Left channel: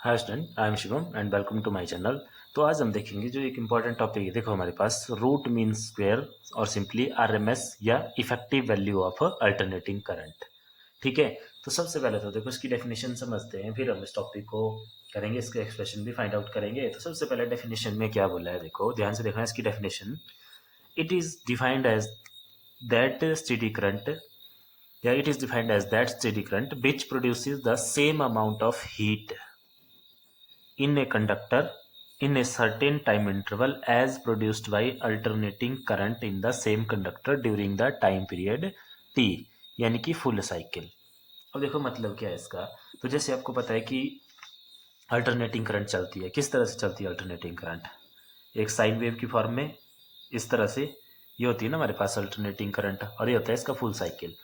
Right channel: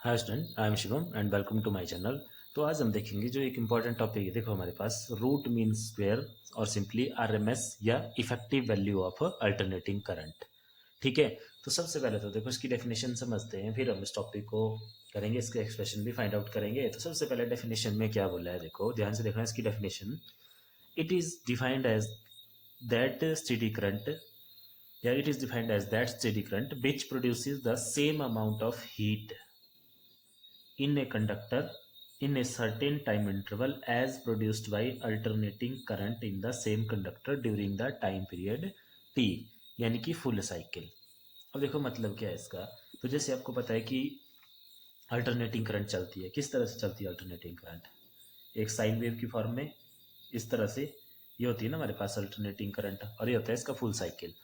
Hi student, I am Shivam and welcome to my channel. तो आज हम देखेंगे जो एक इम्पॉर्टेंट टॉपिक है। देखो हमारे पास रूट मीन स्क्वायर और सिंपली आरएमएस या effective value of alternating current. ठीक है, तो सबसे पहले तो देखो इसकी डेफिनेशन समझते हैं, फिर हम इस टॉपिक को करेंगे, इसके एक्सप्रेशन भी फाइंड आउट करेंगे। तो सबसे पहले डेफिनेशन में क्या बोला है, देखो ध्यान से देखना इसकी definition. It is defined as that steady current या it is defined as that steady current which produces the same amount of heat in a conductor in a certain time interval as produced by alternating current in the same conductor during the time period t, यानी कि full cycle. अब देखो मतलब क्या है इसका। तो जैसे आपको पता है कि अल्टरनेटिंग करंट चलती है, किस तरह से चलती है अल्टरनेटिंग करंट? एक साइन वेव की फॉर्म में, इस तरह से ये होती है ना हमारे पास अल्टरनेटिंग करंट, और ये होता है इसका फुल साइकिल।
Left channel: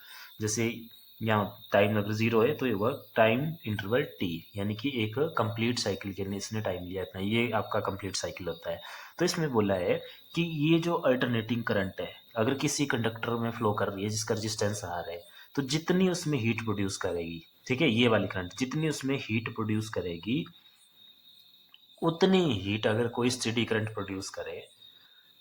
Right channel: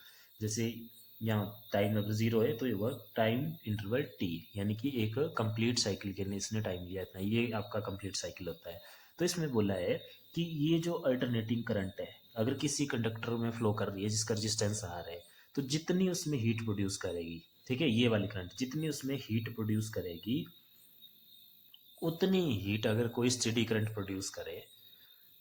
जैसे यहाँ टाइम अगर जीरो है तो ये हुआ टाइम इंटरवल टी, यानी कि एक कंप्लीट साइकिल के लिए इसने टाइम लिया इतना, ये आपका कंप्लीट साइकिल होता है। तो इसमें बोला है कि ये जो अल्टरनेटिंग करंट है अगर किसी कंडक्टर में फ्लो कर रही है जिसका रेजिस्टेंस आर है, तो जितनी उसमें हीट प्रोड्यूस करेगी, ठीक है, ये वाली करंट जितनी उसमें हीट प्रोड्यूस करेगी उतनी हीट अगर कोई स्टेडी करंट प्रोड्यूस करे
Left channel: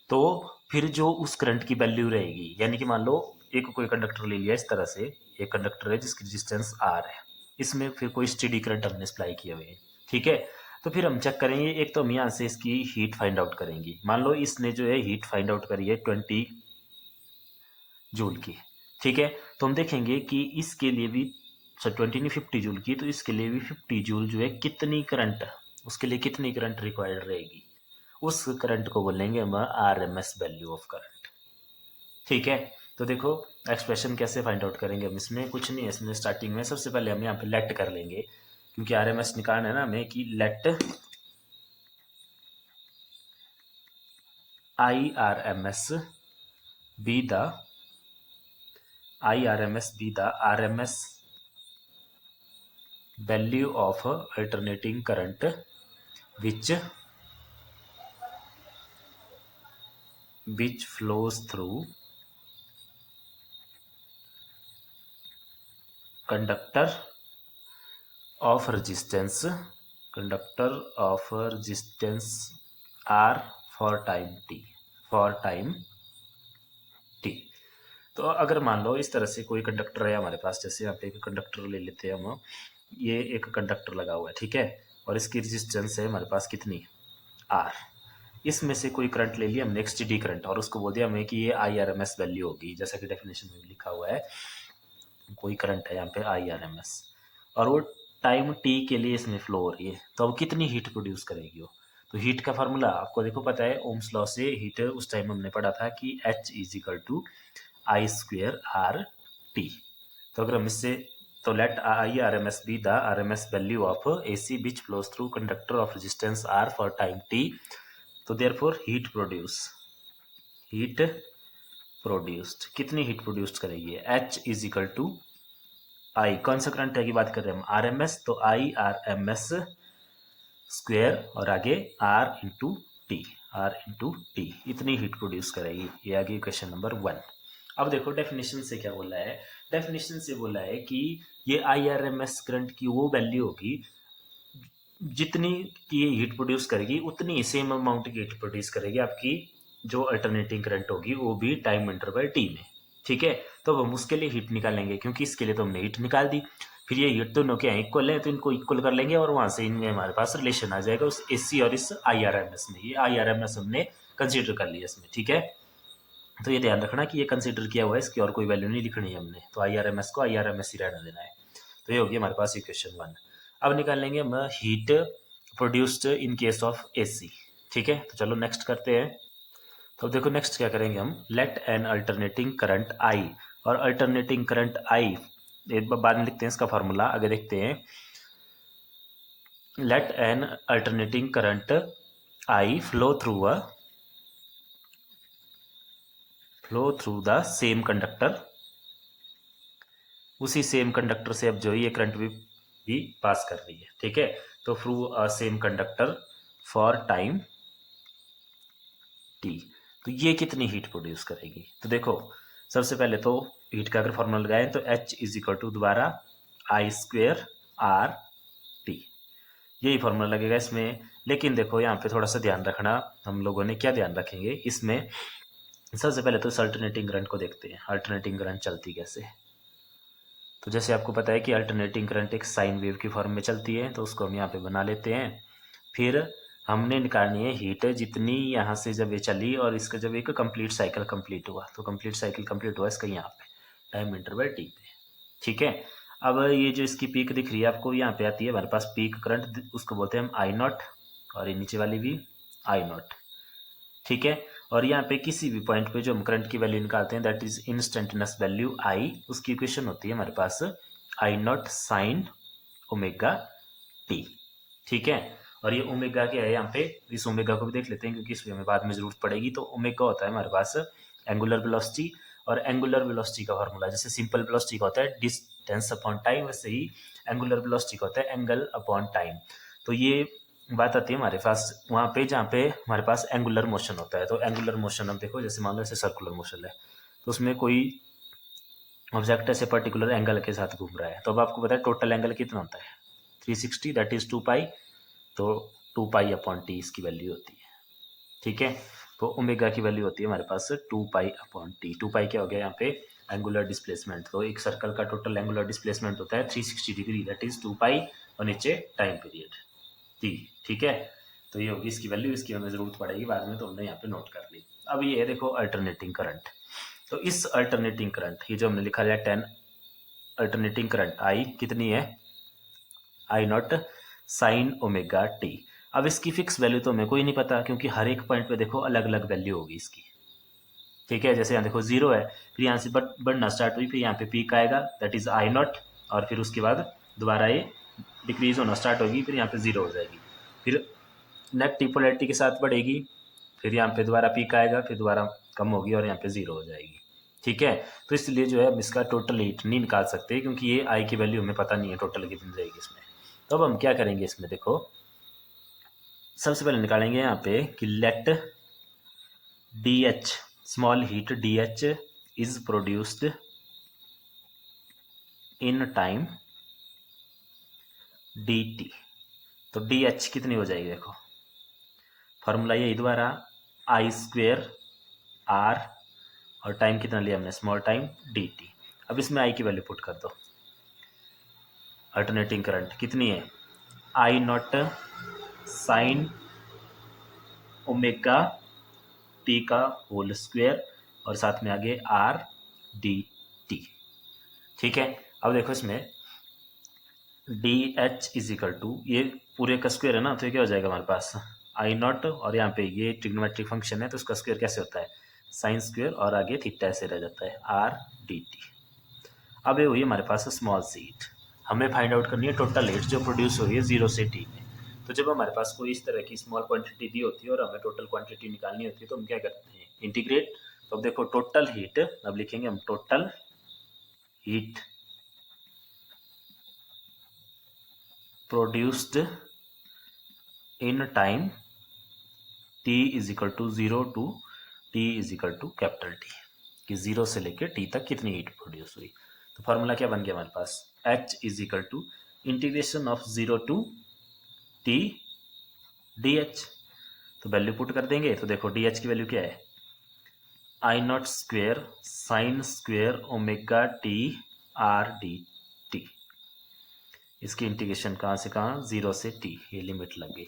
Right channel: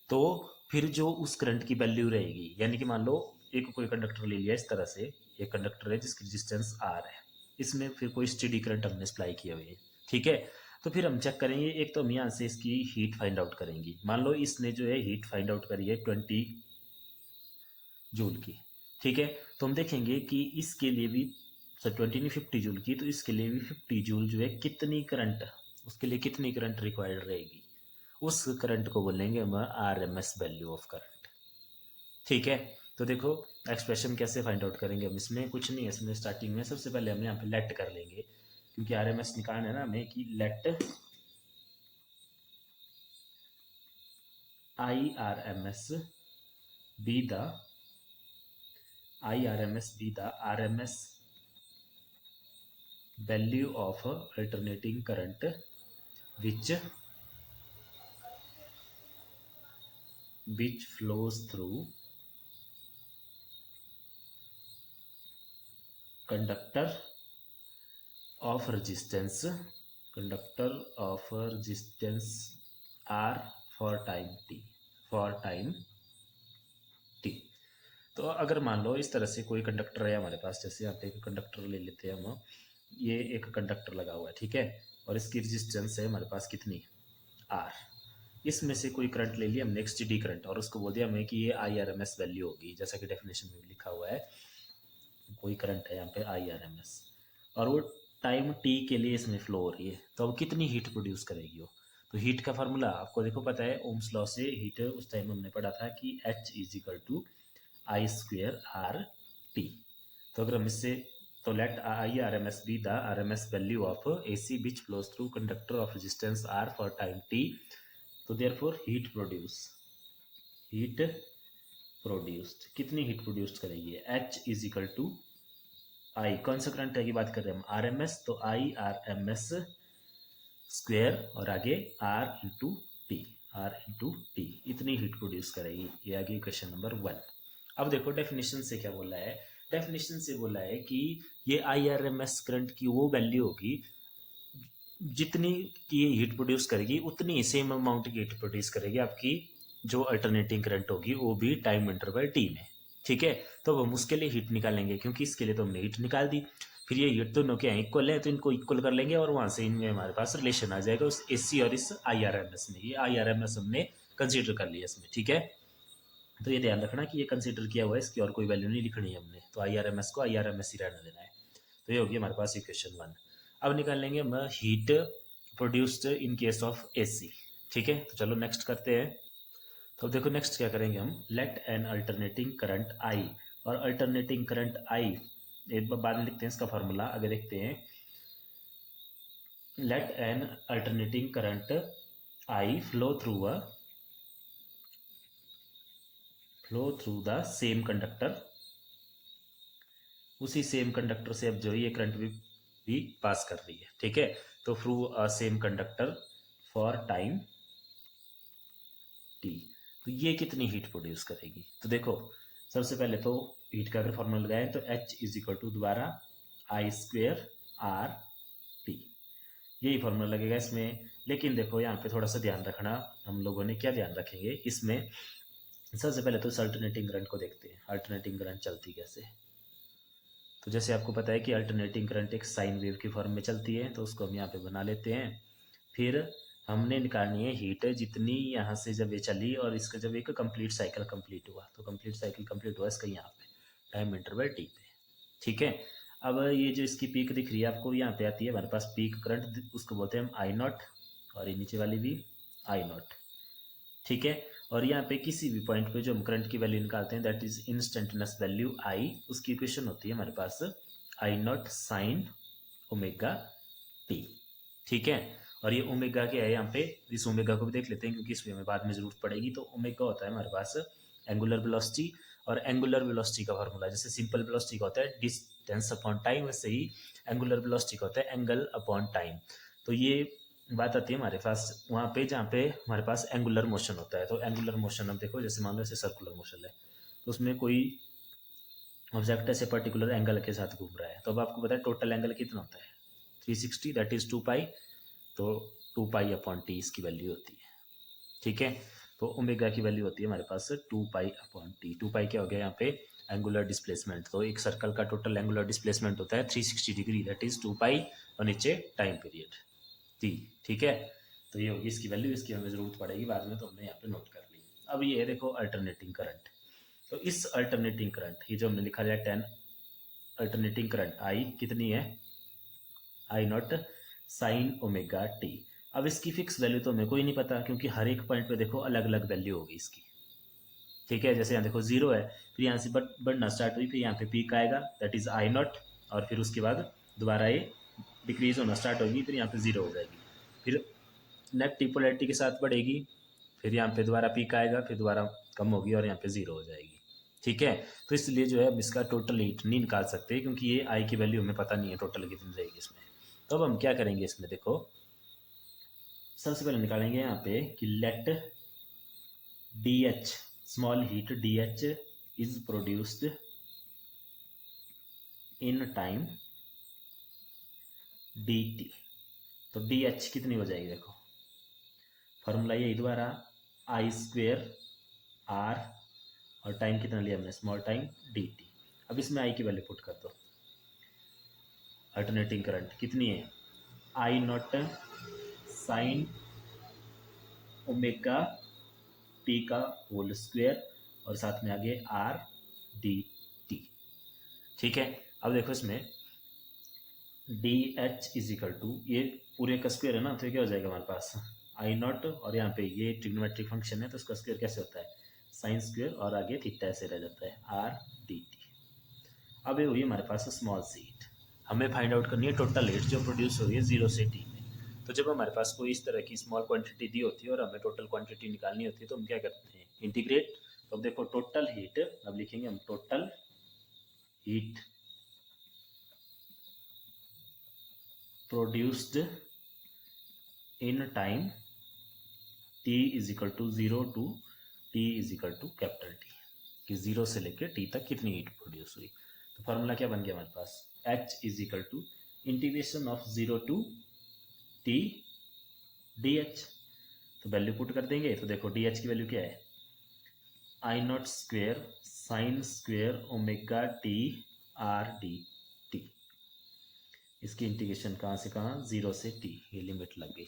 तो फिर जो उस करंट की वैल्यू रहेगी, यानी कि मान लो एक कोई कंडक्टर ले लिया इस तरह से, एक कंडक्टर है जिसकी रेजिस्टेंस आर है, इसमें फिर कोई स्टेडी करंट हमने सप्लाई किए हुए हैं, ठीक है। तो फिर हम चेक करेंगे, एक तो हम यहाँ से इसकी हीट फाइंड आउट करेंगे। मान लो इसने जो है हीट फाइंड आउट करी है 20 जूल की, ठीक है। तो हम देखेंगे कि इसके लिए भी 20 नहीं 50 जूल की, तो इसके लिए भी 50 जूल जो है कितनी करंट, उसके लिए कितनी करंट रिक्वायर्ड रहेगी, उस करंट को बोलेंगे हम R M S value of current, ठीक है। तो देखो एक्सप्रेशन कैसे फाइंड आउट करेंगे हम, इसमें कुछ नहीं है। इसमें स्टार्टिंग में सबसे पहले हम यहाँ पे लेट कर लेंगे, क्योंकि आर एम एस निकालना है ना हमें, कि let I R M S be the R M S value of alternating current which flows through conductor of resistance R for time t। तो अगर मान लो इस तरह से कोई कंडक्टर है हमारे पास, जैसे यहाँ पे एक कंडक्टर ले लेते हैं हम, ये एक कंडक्टर लगा हुआ है, ठीक है, और इसकी रेजिस्टेंस है हमारे पास कितनी, आर। इसमें से कोई करंट ले लिया हमने, एक स्टेडी करंट, और उसको बोल दिया हमें कि ये I R M S value होगी, जैसा कि डेफिनेशन में लिखा हुआ है। कोई करंट है यहाँ पे आई आर एम एस, और वो टाइम टी के लिए इसमें फ्लो हो रही है, तो अब कितनी हीट प्रोड्यूस करेगी वो। तो हीट का फार्मूला आपको देखो पता है, ओम्स लॉ से हीट उस टाइम हमने पढ़ा था कि H is equal to I square R T. तो अगर हम इससे, तो let I R M S be the R M S value of A C which flows through conductor of resistance R for time T. तो therefore heat produced कितनी heat produced करेगी, H is equal to I, कौन सा current की बात कर रहे हैं हम, आर एम एस, तो I R M S square और आगे आर इंटू टी इतनी हीट प्रोड्यूस करेगी। ये आगे क्वेश्चन नंबर 1। अब देखो डेफिनेशन से क्या बोला है, डेफिनेशन से बोला है कि ये I R M S current की वो वैल्यू होगी जितनी की हीट प्रोड्यूस करेगी, उतनी सेम अमाउंट की हीट प्रोड्यूस करेगी आपकी जो अल्टरनेटिंग करंट होगी, वो भी टाइम इंटरवल टी में, ठीक है। तो अब हम उसके लिए हीट निकालेंगे, क्योंकि इसके लिए तो हमने हीट निकाल दी। फिर ये हीट दोनों के इक्वल है, तो इनको इक्वल कर लेंगे और वहां से इनमें हमारे पास रिलेशन आ जाएगा उस एसी और इस आई आर एम एस में। ये आई आर एम एस हमने कंसिडर कर लिया इसमें, ठीक है। तो ये ध्यान रखना कि ये कंसिडर किया हुआ है, इसकी और कोई वैल्यू नहीं लिखनी है हमने, तो आई आर एम एस को आई आर एम एस ही रहने देना है। तो ये होगी हमारे पास इक्वेशन 1। अब निकालेंगे हम heat produced in case of AC, ठीक है। तो चलो नेक्स्ट करते हैं। तो देखो नेक्स्ट क्या करेंगे हम, let an alternating current I, और अल्टरनेटिंग करंट आई एक बार बाद में लिखते हैं इसका फार्मूला, आगे देखते हैं। Let an alternating current I flow through the same conductor, उसी सेम कंडक्टर से अब जो ये करंट भी पास कर रही है, ठीक है। तो through a same conductor for time T, तो ये कितनी हीट प्रोड्यूस करेगी। तो देखो सबसे पहले तो हीट का अगर फॉर्मूला लगाएं तो एच इज इक्वल टू दोबारा आई स्क्वेयर आर टी, यही फॉर्मूला लगेगा इसमें। लेकिन देखो यहाँ पे थोड़ा सा ध्यान रखना, हम लोगों ने क्या ध्यान रखेंगे इसमें, सबसे पहले तो इस अल्टरनेटिंग करंट को देखते हैं, अल्टरनेटिंग करंट चलती कैसे है। तो जैसे आपको पता है कि अल्टरनेटिंग करंट एक साइन वेव की फॉर्म में चलती है, तो उसको हम यहाँ पे बना लेते हैं। फिर हमने निकालनी है हीट जितनी यहाँ से जब ये चली और इसका जब एक कंप्लीट साइकिल कंप्लीट हुआ, तो कंप्लीट साइकिल कंप्लीट हुआ इसका यहाँ पे टाइम इंटरवल टी पे। ठीक है, अब ये जो इसकी पीक दिख रही है आपको यहाँ पे आती है हमारे पास पीक करंट, उसको बोलते हैं हम आई नॉट, और ये नीचे वाली भी आई नॉट। ठीक है, और यहाँ पे किसी भी पॉइंट पे जो हम करंट की वैल्यू निकालते हैं दैट इज इंस्टेंटेनियस वैल्यू आई, उसकी इक्वेशन होती है हमारे पास I not sine omega T. ठीक है, और ये ओमेगा क्या है यहाँ पे, इस ओमेगा को भी देख लेते हैं क्योंकि इसमें हमें बाद में जरूरत पड़ेगी। तो ओमेगा होता है हमारे पास एंगुलर वेलोसिटी, और एंगुलर वेलोसिटी का फार्मूला जैसे सिंपल वेलोसिटी का होता है डिस्टेंस अपॉन टाइम, वैसे ही एंगुलर वेलोसिटी का होता है एंगल अपॉन टाइम। तो ये बात आती है हमारे पास वहाँ पे जहाँ पे हमारे पास एंगुलर मोशन होता है। तो एंगुलर मोशन हम देखो जैसे मान लो ऐसे सर्कुलर मोशन है, तो उसमें कोई ऑब्जेक्ट ऐसे पर्टिकुलर एंगल के साथ घूम रहा है, तो अब आपको पता है टोटल एंगल कितना होता है 360, दैट इज 2 पाई। तो 2 पाई अपॉन टी इसकी वैल्यू होती है। ठीक है, तो ओमेगा की वैल्यू होती है हमारे पास 2 पाई अपॉन टी। 2 पाई क्या हो गया यहाँ पे एंगुलर डिस्प्लेसमेंट, तो एक सर्कल का टोटल एंगुलर डिस्प्लेसमेंट होता है 360 डिग्री, दैट इज 2 पाई, और नीचे टाइम पीरियड टी। ठीक है, तो ये होगी इसकी वैल्यू, इसकी हमें जरूरत पड़ेगी बाद में, तो हमने यहाँ पे नोट कर ली। अब ये है देखो अल्टरनेटिंग करंट। तो इस अल्टरनेटिंग करंट ये जो हमने लिखा है 10 अल्टरनेटिंग करंट आई कितनी है I not sine omega T. अब इसकी फिक्स वैल्यू तो हमें कोई नहीं पता क्योंकि हर एक पॉइंट पे देखो अलग अलग वैल्यू होगी इसकी। ठीक है, जैसे यहाँ देखो 0 है, फिर यहाँ से बढ़ना स्टार्ट हुई, फिर यहाँ पे पीक आएगा दैट इज आई नॉट, और फिर उसके बाद दोबारा ये डिक्रीज होना स्टार्ट होगी, फिर यहाँ पे 0 हो जाएगी, फिर नेगेटिव पोलैरिटी के साथ बढ़ेगी, फिर यहाँ पे दोबारा पीक आएगा, फिर दोबारा कम होगी और यहाँ पे 0 हो जाएगी। ठीक है, तो इसलिए जो है हम इसका टोटल हीट नहीं निकाल सकते क्योंकि ये आई की वैल्यू हमें पता नहीं है टोटल कितनी रहेगी इसमें। तो अब हम क्या करेंगे इसमें देखो, सबसे पहले निकालेंगे यहाँ पे कि let D H small heat D H is produced in time D T. तो डी एच कितनी हो जाएगी देखो, फार्मूला यही दोबारा आई स्क्वेयर आर, और टाइम कितना लिया हमने स्मॉल टाइम डी टी। अब इसमें आई की वैल्यू पुट कर दो, अल्टरनेटिंग करंट कितनी है I not sine omega T का होल स्क्वेयर, और साथ में आगे आर डी टी। ठीक है, अब देखो इसमें D H is equal to ये पूरे का स्क्वेयर है ना, तो ये क्या हो जाएगा हमारे पास आई नॉट, और यहाँ पे ये ट्रिग्नोमेट्रिक फंक्शन है तो इसका स्क्वेयर कैसे होता है साइन स्क्वेयर, और आगे थीटा ऐसे रह जाता है आर डी टी। अब ये हुई हमारे पास स्मॉल सी हीट, हमें फाइंड आउट करनी है टोटल हीट जो प्रोड्यूस हो रही है 0 से टी में। तो जब हमारे पास कोई इस तरह की स्मॉल क्वांटिटी दी होती है और हमें टोटल क्वांटिटी निकालनी होती है तो हम क्या करते हैं इंटीग्रेट। तो अब देखो टोटल हीट, अब लिखेंगे हम total heat produced in time T is equal to 0 to T is equal to capital T, कि 0 से लेकर टी तक कितनी हीट प्रोड्यूस हुई। तो फार्मूला क्या बन गया हमारे पास H is equal to integration of 0 to T D H. तो वैल्यू पुट कर देंगे, तो देखो डी एच की वैल्यू क्या है I not square sine square omega T R D T. इसकी इंटीग्रेशन कहाँ से कहाँ 0 से टी, ये लिमिट लग गई।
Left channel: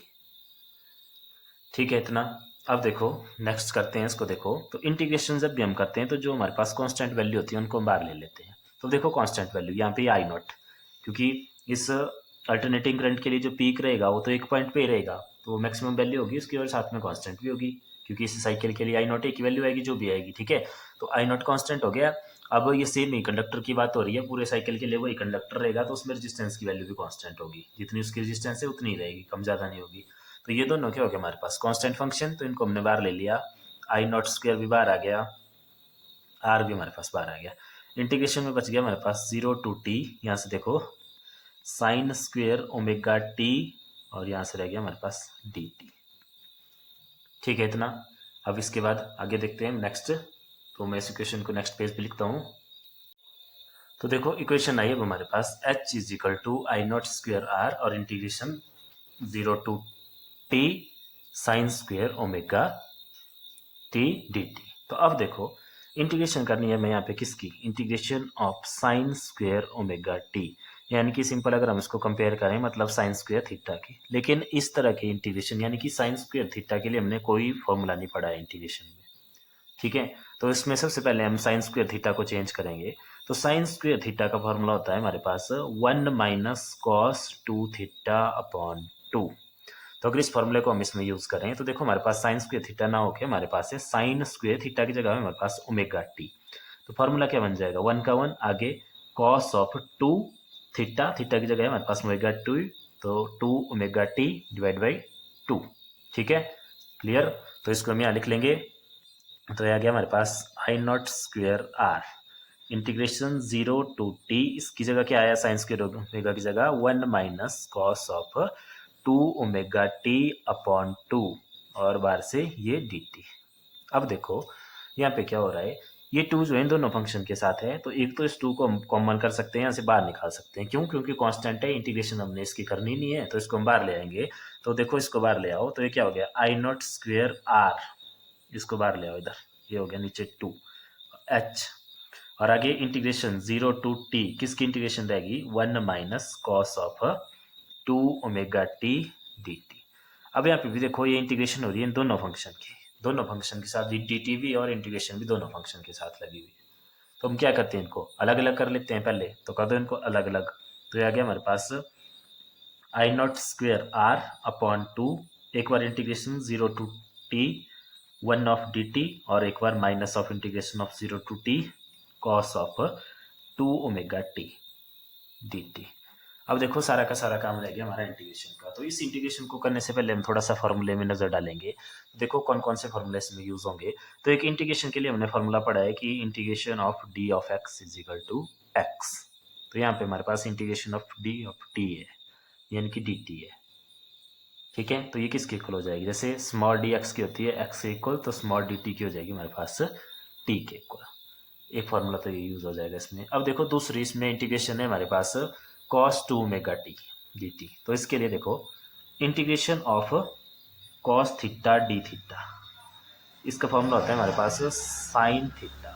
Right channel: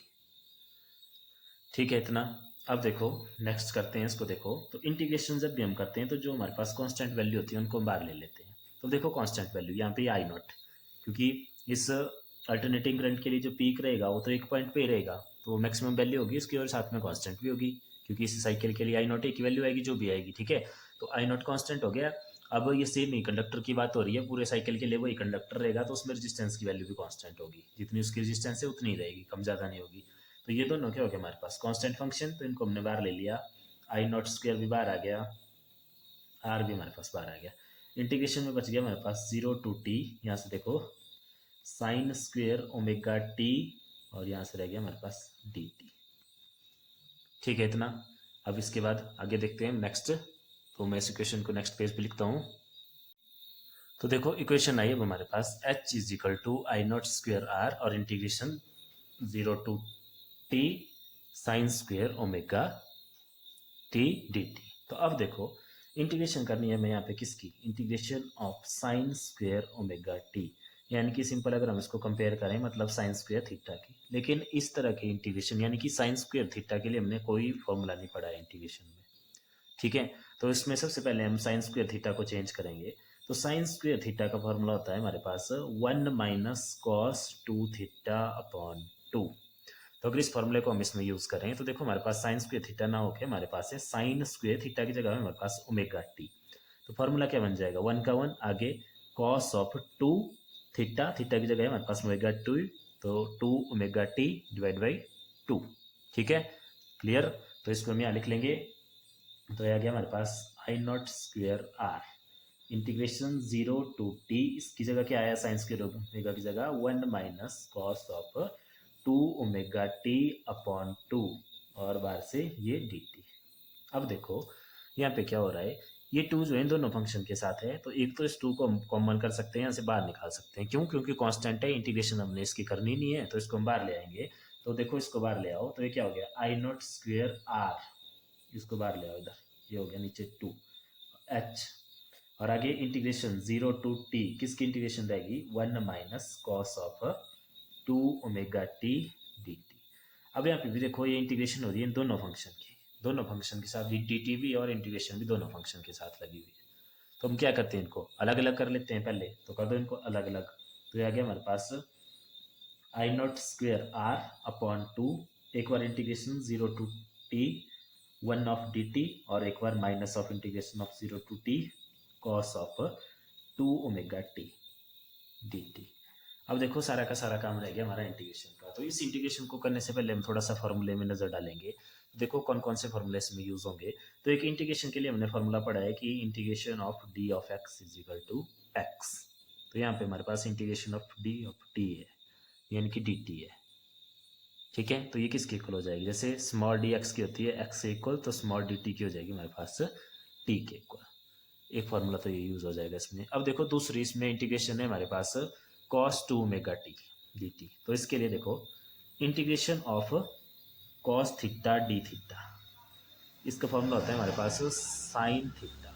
ठीक है इतना। अब देखो नेक्स्ट करते हैं इसको, देखो तो इंटीग्रेशन जब भी हम करते हैं तो जो हमारे पास कांस्टेंट वैल्यू होती है उनको हम बाहर ले लेते हैं। तो देखो कांस्टेंट वैल्यू यहाँ पे आई नॉट, क्योंकि इस अल्टरनेटिंग करंट के लिए जो पीक रहेगा वो तो एक पॉइंट पे ही रहेगा, तो मैक्सिमम वैल्यू होगी उसकी और साथ में कांस्टेंट भी होगी, क्योंकि इस साइकिल के लिए आई नॉट एक वैल्यू आएगी जो भी आएगी। ठीक है, तो आई नॉट कांस्टेंट हो गया। अब ये सेम ही कंडक्टर की बात हो रही है, पूरे साइकिल के लिए वही कंडक्टर रहेगा तो उसमें रेजिस्टेंस की वैल्यू भी कांस्टेंट होगी, जितनी उसकी रेजिस्टेंस है उतनी ही रहेगी, कम ज़्यादा नहीं होगी। तो ये दोनों क्या हो गया हमारे पास कांस्टेंट फंक्शन, तो इनको हमने बाहर ले लिया, आई नॉट स्क्वायर भी बाहर आ गया, आर भी हमारे पास बाहर आ गया। इंटीग्रेशन में बच गया हमारे पास 0 टू टी, यहाँ से देखो साइन स्क्वेयर ओमेगा टी, और यहाँ से रह गया हमारे पास डी टी। ठीक है इतना। अब इसके बाद आगे देखते हैं नेक्स्ट, तो मैं इस इक्वेशन को नेक्स्ट पेज पे लिखता हूँ। तो देखो इक्वेशन आई अब हमारे पास H is equal to I not square R, और integration 0 to T sine square omega T D T. तो अब देखो इंटीग्रेशन करनी है मैं यहाँ पे किसकी, integration of sine square omega T, यानी कि सिंपल अगर हम इसको कंपेयर करें मतलब साइन स्क्वेयर थीटा की। लेकिन इस तरह के इंटीग्रेशन यानी कि साइन स्क्वेयर थीटा के लिए हमने कोई फॉर्मूला नहीं पढ़ा है इंटीग्रेशन में, ठीक है। तो इसमें सबसे पहले हम साइन स्क्वेयर थीटा को चेंज करेंगे। तो साइन स्क्वेयर थीटा का फॉर्मूला होता है हमारे पास 1 माइनस कॉस 2 थीटा अपॉन 2। तो अगर इस फॉर्मूले को हम इसमें यूज़ करें तो देखो हमारे पास साइन स्क्वेयर थीटा ना होके हमारे पास है साइन स्क्वेयर थीटा की जगह हमारे पास ओमेगा टी। तो फॉर्मूला क्या बन जाएगा, 1 का 1 आगे कॉस ऑफ 2 थीटा, थीटा की जगह हमारे पास ओमेगा 2, तो 2 ओमेगा टी डिवाइड बाई 2, ठीक है, क्लियर। तो इसको हम यहाँ लिख लेंगे। तो यह आ गया हमारे पास I not square R integration 0 to T, इसकी जगह क्या आया साइन स्क्वेयर ओमेगा की जगह 1 minus cos of 2 omega T upon 2 और बार से ये डी टी। अब देखो यहाँ पे क्या हो रहा है, ये 2 जो है इन दोनों फंक्शन के साथ है, तो एक तो इस 2 को हम कॉमन कर सकते हैं, यहाँ से बाहर निकाल सकते हैं। क्यों, क्योंकि कांस्टेंट है, इंटीग्रेशन हमने इसकी करनी नहीं है, तो इसको हम बाहर ले आएंगे। तो देखो इसको बाहर ले आओ तो ये क्या हो गया आई नॉट स्क्वेयर आर, इसको बाहर ले आओ इधर, ये हो गया नीचे 2 एच, और आगे इंटीग्रेशन 0 टू टी, किसकी इंटीग्रेशन रहेगी 1 minus cos of 2 omega T D T. अब यहाँ पे भी देखो ये इंटीग्रेशन हो रही है इन दोनों फंक्शन की, दोनों फंक्शन के साथ डी टी भी और इंटीग्रेशन भी दोनों फंक्शन के साथ लगी हुई। तो हम क्या करते हैं, इनको अलग अलग कर लेते हैं पहले, तो कर दो इनको अलग अलग। तो ये आ गया हमारे पास I not square R upon 2, एक बार integration 0 to T 1 of D T, और एक बार minus of integration of 0 to T cos of 2 omega T D T. अब देखो सारा का सारा काम रह गया हमारा इंटीग्रेशन का। तो इस इंटीग्रेशन को करने से पहले हम थोड़ा सा फॉर्मूले में नजर डालेंगे, देखो कौन कौन से फॉर्मूले इसमें यूज होंगे। तो एक इंटीग्रेशन के लिए हमने फॉर्मूला पढ़ा है कि integration of D of X is equal to X. तो यहाँ पे हमारे पास इंटीग्रेशन ऑफ डी है यानी कि डी टी है, ठीक है। तो ये किसके इक्वल हो जाएगी, जैसे स्मॉल डी एक्स की होती है एक्स के इक्वल, तो स्मॉल डी टी की हो जाएगी हमारे पास टी के इक्वल। एक फार्मूला तो ये यूज हो जाएगा इसमें। अब देखो दूसरी इसमें इंटीग्रेशन है हमारे पास cos 2 omega T D T. तो इसके लिए देखो integration of cos theta D theta, इसका फॉर्मूला होता है हमारे पास साइन थीटा।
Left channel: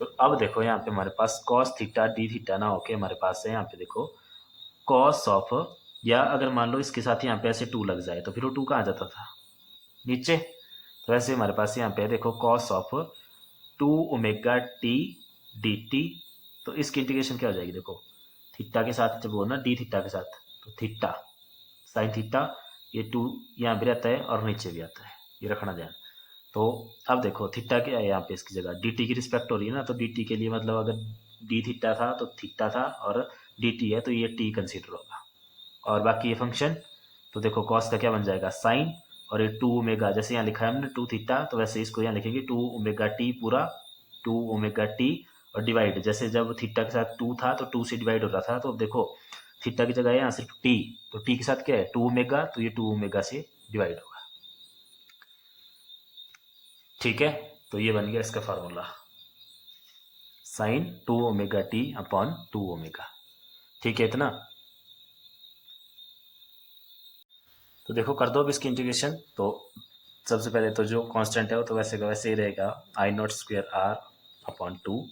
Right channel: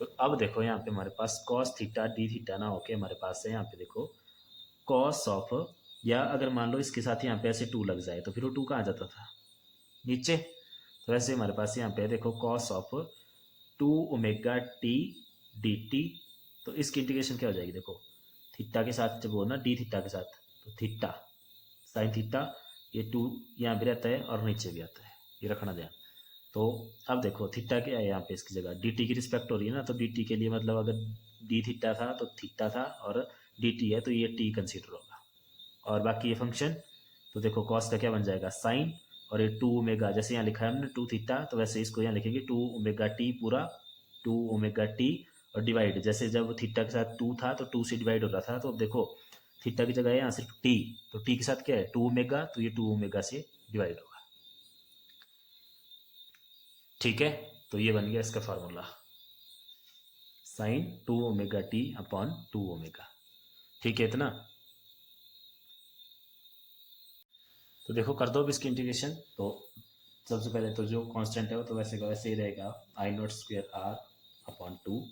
तो अब देखो यहाँ पे हमारे पास कॉस थीटा डी थीटा ना होके हमारे पास है यहाँ पे देखो कॉस ऑफ, या अगर मान लो इसके साथ यहाँ पे ऐसे 2 लग जाए तो फिर वो 2 कहाँ जाता था नीचे। तो ऐसे हमारे पास यहाँ पे देखो cos of 2 omega T D T. तो इसकी इंटीग्रेशन क्या हो जाएगी, देखो थीटा के साथ जब हो ना डी थीटा के साथ, तो थीटा साइन थीटा, ये 2 यहाँ भी रहता है और नीचे भी आता है, ये रखना ध्यान। तो अब देखो थीटा क्या है यहाँ पे इसकी जगह डी टी की रिस्पेक्ट हो रही है ना, तो डी टी के लिए मतलब अगर डी थीटा था तो थीटा था, और डी टी है तो ये टी कंसिडर होगा, और बाकी ये फंक्शन। तो देखो कॉस का क्या बन जाएगा साइन, और ये 2 ओमेगा, जैसे यहाँ लिखा है हमने 2 थीटा, तो वैसे इसको यहाँ लिखेंगे 2 ओमेगा टी पूरा, 2 ओमेगा टी, और डिवाइड, जैसे जब थीटा के साथ 2 था तो 2 से डिवाइड हो रहा था, तो देखो थीटा की जगह है यहाँ सिर्फ टी, तो टी के साथ क्या है 2 ओमेगा, तो ये 2 ओमेगा से डिवाइड होगा, ठीक है। तो ये बन गया इसका formula sign 2 omega T upon 2 omega, ठीक है इतना। तो देखो कर दो अब इसकी इंटीग्रेशन। तो सबसे पहले तो जो कांस्टेंट है वो तो वैसे का वैसे ही रहेगा आई नॉट स्क्वेयर आर अपॉन 2,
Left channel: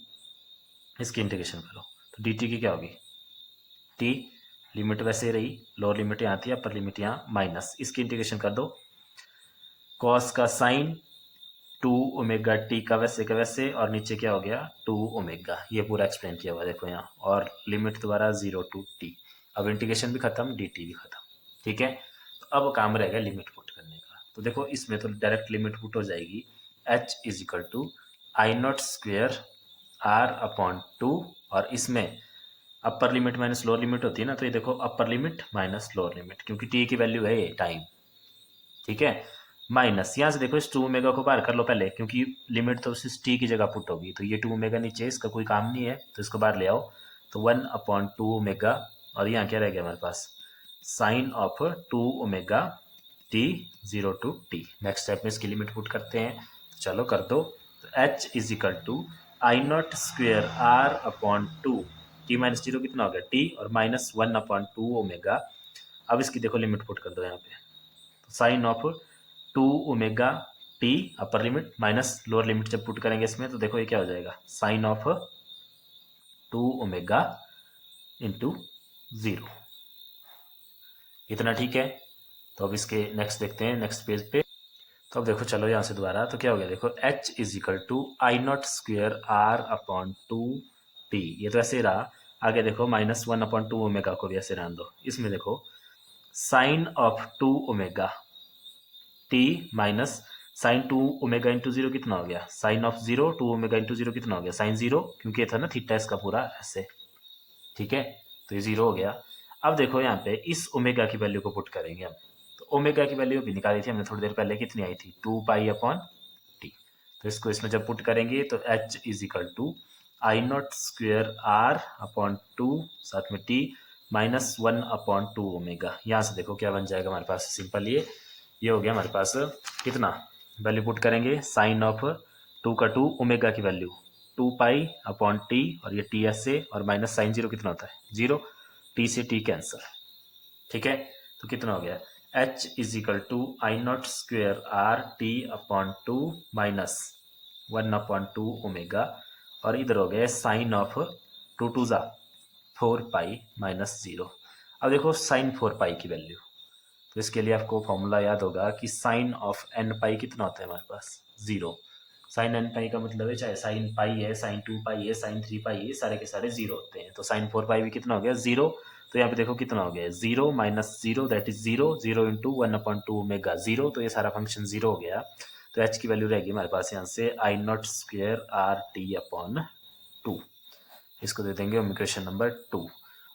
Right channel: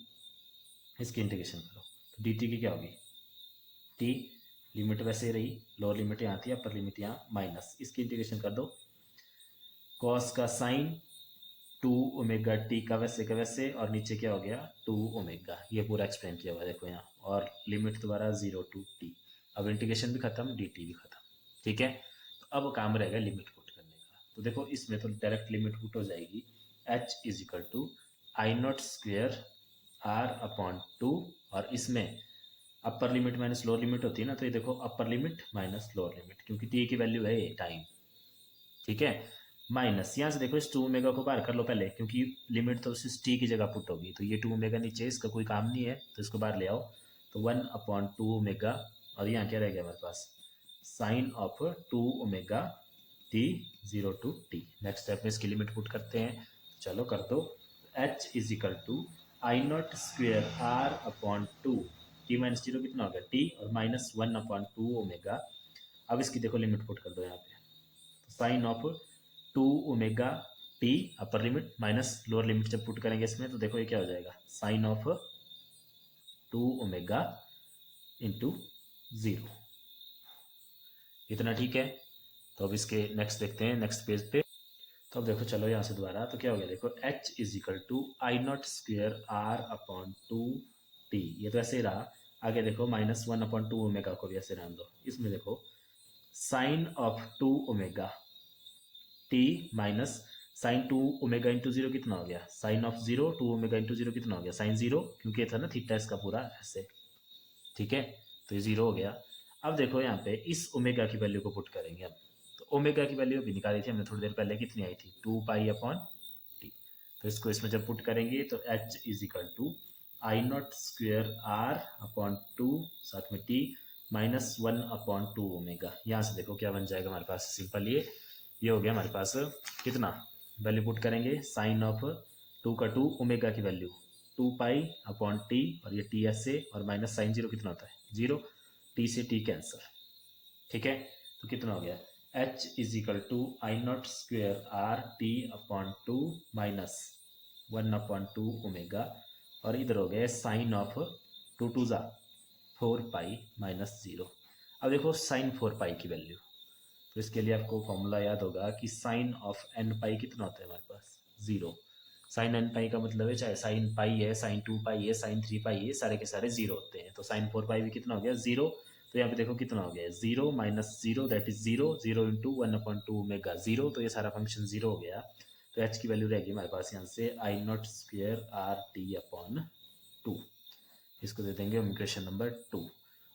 इसकी इंटीग्रेशन करो तो डी टी की क्या होगी टी, लिमिट वैसे ही रही, लोअर लिमिट यहाँ थी अपर लिमिट यहाँ माइनस, इसकी इंटीग्रेशन कर दो कॉस का साइन 2 ओमेगा टी का वैसे, और नीचे क्या हो गया 2 ओमेगा, ये पूरा एक्सप्लेन किया हुआ देखो यहाँ, और लिमिट दोबारा 0 टू टी। अब इंटीग्रेशन भी खत्म डी टी भी खत्म, ठीक है। तो अब काम रहेगा लिमिट पुट करने का। तो देखो इसमें तो डायरेक्ट लिमिट पुट हो जाएगी h is equal to I not square R upon 2, और इसमें upper limit minus lower limit होती है ना, तो ये देखो upper limit minus lower limit, क्योंकि टी की वैल्यू है ये टाइम, ठीक है, माइनस यहाँ से देखो इस 2 ओमेगा को बाहर कर लो पहले, क्योंकि लिमिट तो सिर्फ टी की जगह पुट होगी, तो ये 2 ओमेगा नीचे इसका कोई काम नहीं है, तो इसको बाहर ले आओ, तो 1 अपॉन 2 ओमेगा, और यहाँ क्या रह गया हमारे पास sine of 2 omega T 0 to T. Next step में इसकी लिमिट पुट करते हैं, चलो कर दो। तो H is equal to I not square R upon 2, T minus zero कितना हो गया टी, और माइनस 1 अपॉन 2 ओमेगा, अब इसकी देखो लिमिट पुट कर दो यहाँ पे, तो sine of 2 omega T upper limit minus lower limit जब पुट करेंगे इसमें तो देखो ये क्या हो जाएगा, साइन ऑफ 2 ओमेगा इंटू 0। इतना ठीक है। तो अब इसके नेक्स्ट देखते हैं नेक्स्ट पेज पे। तो अब देखो चलो यहाँ से दोबारा, तो क्या हो गया देखो, h is equal to I not square R upon 2 T, ये तो ऐसे ही रहा। आगे देखो -1/2 ओमेगा को भी ऐसे रहने दो। इसमें देखो sine of 2 omega T minus sine 2 omega into 0 कितना हो गया, साइन ऑफ 0 2 ओमेगा इंटू 0 कितना हो गया, साइन 0, क्योंकि ये था ना थीटा इसका पूरा ऐसे, ठीक है। तो ये 0 हो गया। अब देखो यहाँ पे इस ओमेगा की वैल्यू को पुट करेंगे हम। तो ओमेगा की वैल्यू भी निकाली थी हमने थोड़ी देर पहले, कितनी आई थी, 2 पाई/टी। तो इसको इसमें जब पुट करेंगे तो h is equal to I not square R upon 2 साथ में टी -1/2 ओमेगा। यहाँ से देखो क्या बन जाएगा हमारे पास, सिंपल ये हो गया हमारे पास कितना, वैल्यू पुट करेंगे साइन ऑफ 2 का 2 ओमेगा की वैल्यू 2 पाई/टी और ये टी एस से, और माइनस साइन 0 कितना होता है 0, टी से टी कैंसर, ठीक है। तो कितना हो गया, h is equal to I not square R T upon 2 -1/2 omega, और इधर हो गया साइन ऑफ 2 ज़ा 4 पाई -0। अब देखो साइन 4 पाई की वैल्यू, तो इसके लिए आपको फॉर्मूला याद होगा कि साइन ऑफ n पाई कितना होता है हमारे पास 0। साइन n पाई का मतलब है चाहे साइन पाई है, साइन 2 पाई है, साइन 3 पाई है, सारे के सारे 0 होते हैं। तो साइन 4 पाई भी कितना हो गया 0। तो यहाँ पे देखो कितना हो गया 0 -0 दैट इज 0, 0 इंटू 1/2 ओमेगा 0, तो ये सारा फंक्शन 0 हो गया। तो h की वैल्यू रहेगी हमारे पास यहाँ से I not square R T upon 2। इसको दे देंगे हम इक्वेशन नंबर 2।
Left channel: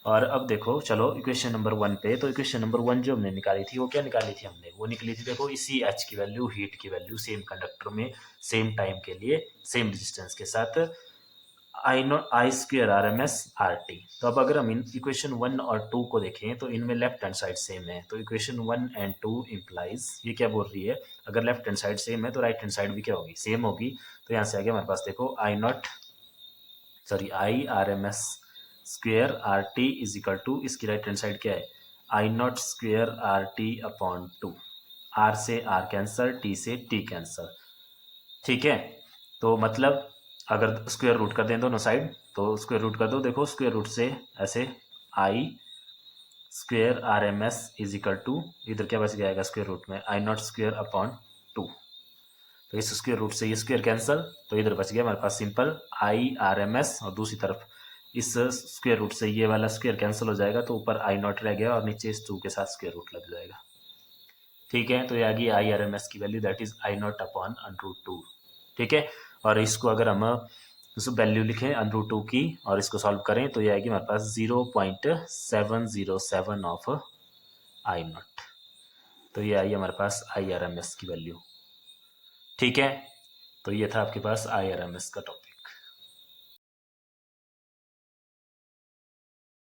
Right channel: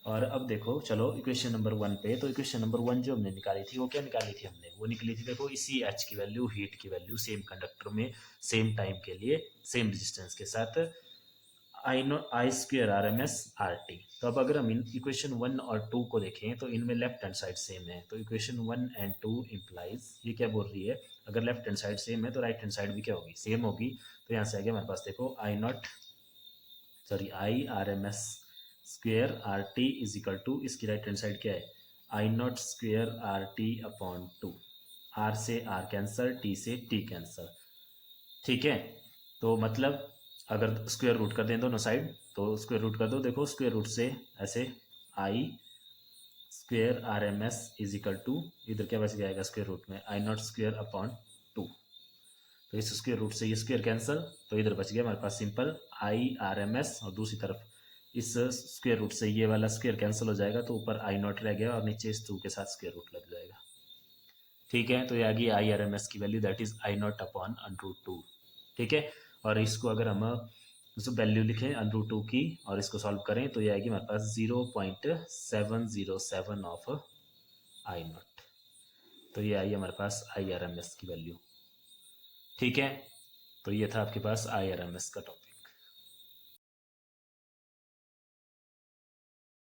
और अब देखो चलो इक्वेशन नंबर 1 पे। तो इक्वेशन नंबर 1 जो हमने निकाली थी वो क्या निकाली थी हमने, वो निकली थी देखो इसी h की वैल्यू, हीट की वैल्यू, सेम कंडक्टर में सेम टाइम के लिए सेम रेजिस्टेंस के साथ I square R M S R T. तो अब अगर हम इन इक्वेशन 1 और 2 को देखें तो इनमें लेफ्ट हैंड साइड सेम है। तो इक्वेशन 1 एंड 2 इम्प्लाइज, ये क्या बोल रही है, अगर लेफ्ट हैंड साइड सेम है तो राइट हैंड साइड भी क्या होगी, सेम होगी। तो यहाँ से आगे हमारे पास देखो I R M S square R T is equal to, इसकी राइट हैंड साइड क्या है, I not square R T upon 2, R से आर कैंसर, टी से टी कैंसर, ठीक है। तो मतलब अगर स्क्वायर रूट कर दें दोनों साइड तो स्क्वायर रूट कर दो, देखो स्क्वायर रूट से ऐसे I square R M S is equal to, इधर क्या बच जाएगा स्क्वायर रूट में, आई नॉट स्क्वेयर अपॉन 2। तो इस स्क्वायर रूट से ये स्क्वायर कैंसल, तो इधर बच गया हमारे पास simple I R M S, और दूसरी तरफ इस स्क्वायर रूट से ये वाला स्क्वायर कैंसिल हो जाएगा, तो ऊपर आई नॉट रह गया और नीचे इस 2 के साथ स्क्वायर रूट लग जाएगा, ठीक है। तो ये आ गई आई आर एम एस की value, that is I not upon √2, ठीक है। और इसको अगर हम उस वैल्यू लिखें √2 की और इसको सॉल्व करें तो ये आएगी हमारे पास 0.707 ऑफ आई नॉट। तो ये आई हमारे पास आई आर एम एस की वैल्यू, ठीक है। तो ये था आपके पास आई आर एम एस का टॉपिक।